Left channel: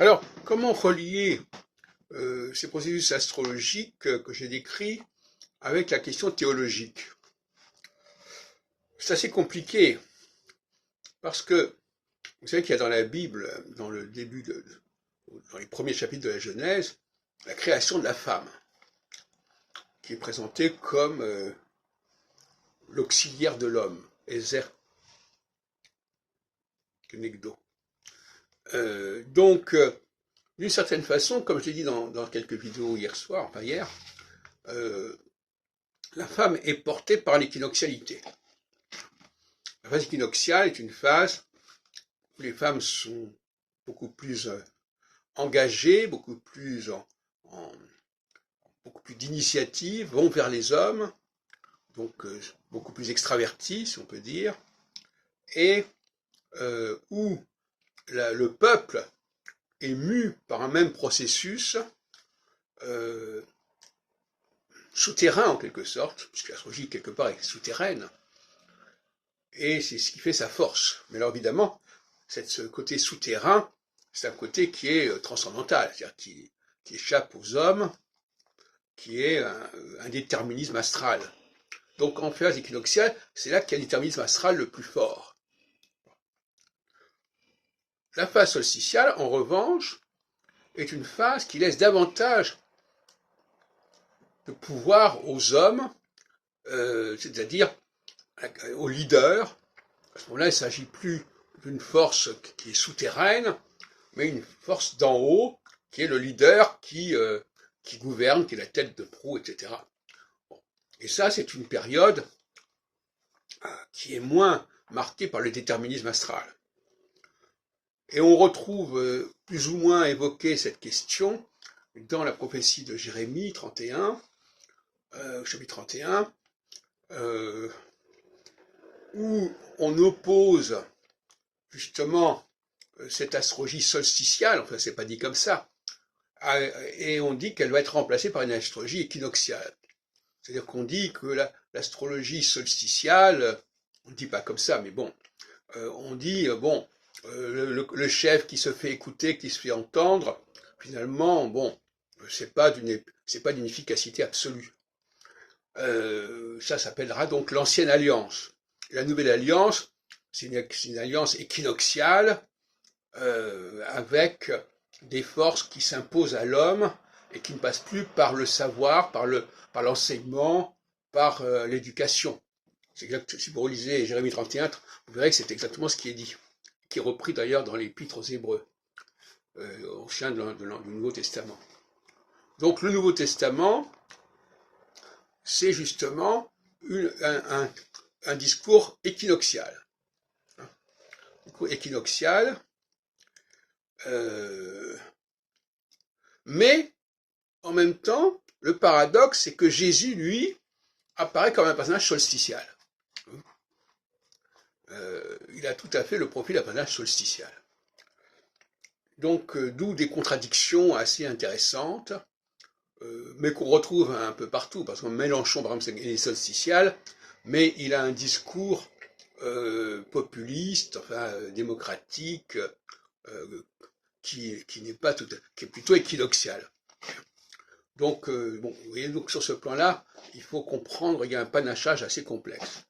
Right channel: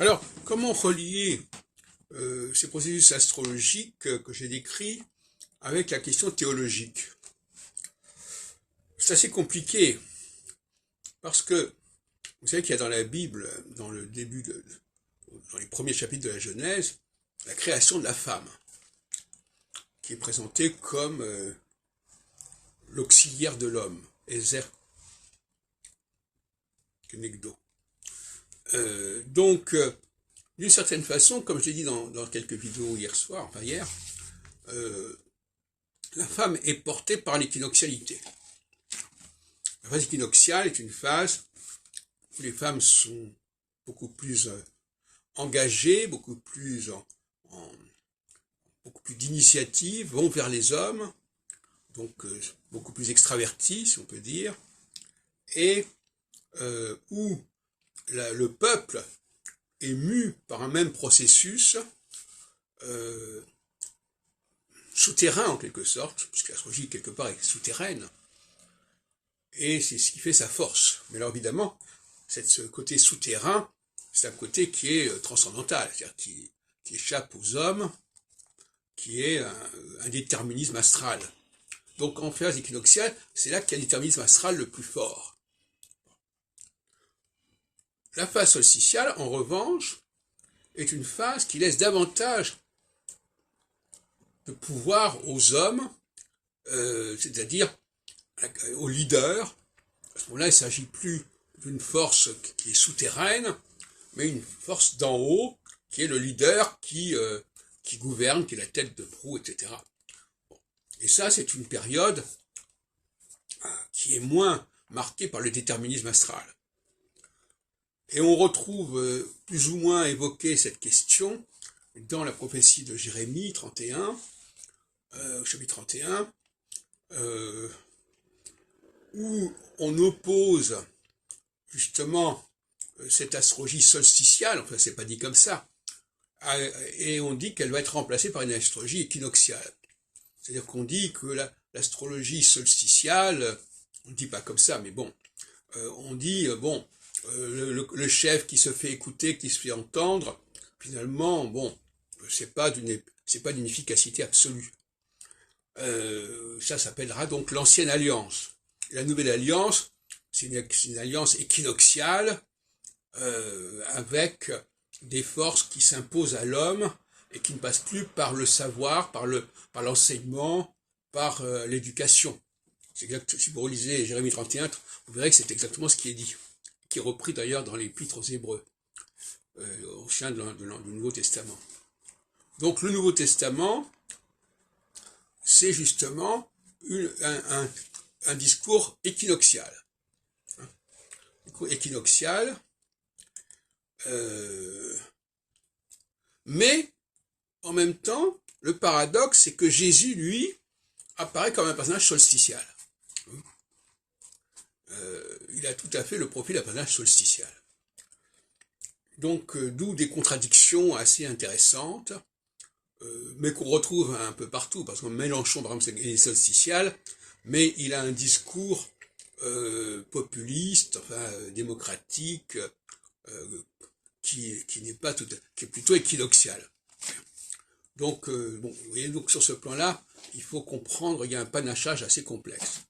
Alors, comment relier ces processus astrologiques que j'ai décrits avec la question théologique? C'est assez compliqué parce que vous savez qu'il y a dans la Bible, dans le début dans les premiers chapitres de la Genèse, la création de la femme, qui est présentée comme l'auxiliaire de l'homme, Ezer Kenegdo. D'une certaine façon, comme je l'ai dit dans quelques vidéos hier soir, enfin hier, la femme est portée par l'équinoxialité. La phase équinoxiale est une phase où les femmes sont beaucoup plus engagées, beaucoup plus beaucoup plus d'initiative, vont vers les hommes, donc beaucoup plus extraverties, si on peut dire, et où le peuple est mu par un même processus souterrain en quelque sorte, puisque l'astrologie quelque part est souterraine, et c'est ce qui fait sa force. Mais alors évidemment, ce côté souterrain, c'est un côté qui est transcendantal, c'est-à-dire qui échappe aux hommes, qui est un déterminisme astral. Donc en phase équinoxiale, c'est là qu'il y a un déterminisme astral le plus fort. La phase solsticiale, en revanche, est une phase qui laisse davantage de pouvoir aux hommes, c'est-à-dire aux leaders. À ce moment-là, il ne s'agit plus d'une force qui est souterraine, mais une force d'en haut, qui est le leader qui gouverne, qui est la tête de proue, etc. Bon. Et ça, c'est une période qui est moins marquée par le déterminisme astral. Et on retrouve plus ou moins évoqué cette question dans la prophétie de Jérémie 31, chapitre 31, où on oppose justement cette astrologie solsticiale, enfin c'est pas dit comme ça, et on dit qu'elle va être remplacée par une astrologie équinoxiale. C'est-à-dire qu'on dit que l'astrologie solsticiale, on ne dit pas comme ça, mais bon, on dit, le chef qui se fait écouter, qui se fait entendre, finalement, bon, c'est pas d'une efficacité absolue. Ça s'appellera donc l'ancienne alliance. La nouvelle alliance, c'est une alliance équinoxiale avec des forces qui s'imposent à l'homme et qui ne passent plus par le savoir, par l'enseignement, par l'éducation. Si vous relisez Jérémie 31, vous verrez que c'est exactement ce qui est dit, qui est repris d'ailleurs dans l'Épître aux Hébreux, au sein du Nouveau Testament. Donc le Nouveau Testament, c'est justement un discours équinoxial. Un discours équinoxial, mais en même temps, le paradoxe, c'est que Jésus, lui, apparaît comme un personnage solsticial. Il a tout à fait le profil d'un personnage solsticial. Donc, d'où des contradictions assez intéressantes, mais qu'on retrouve un peu partout, parce que Mélenchon, par exemple, il est solsticial, mais il a un discours populiste, enfin démocratique, qui n'est pas tout, qui est plutôt équinoxial. Donc, vous voyez, donc sur ce plan-là, il faut comprendre, il y a un panachage assez complexe.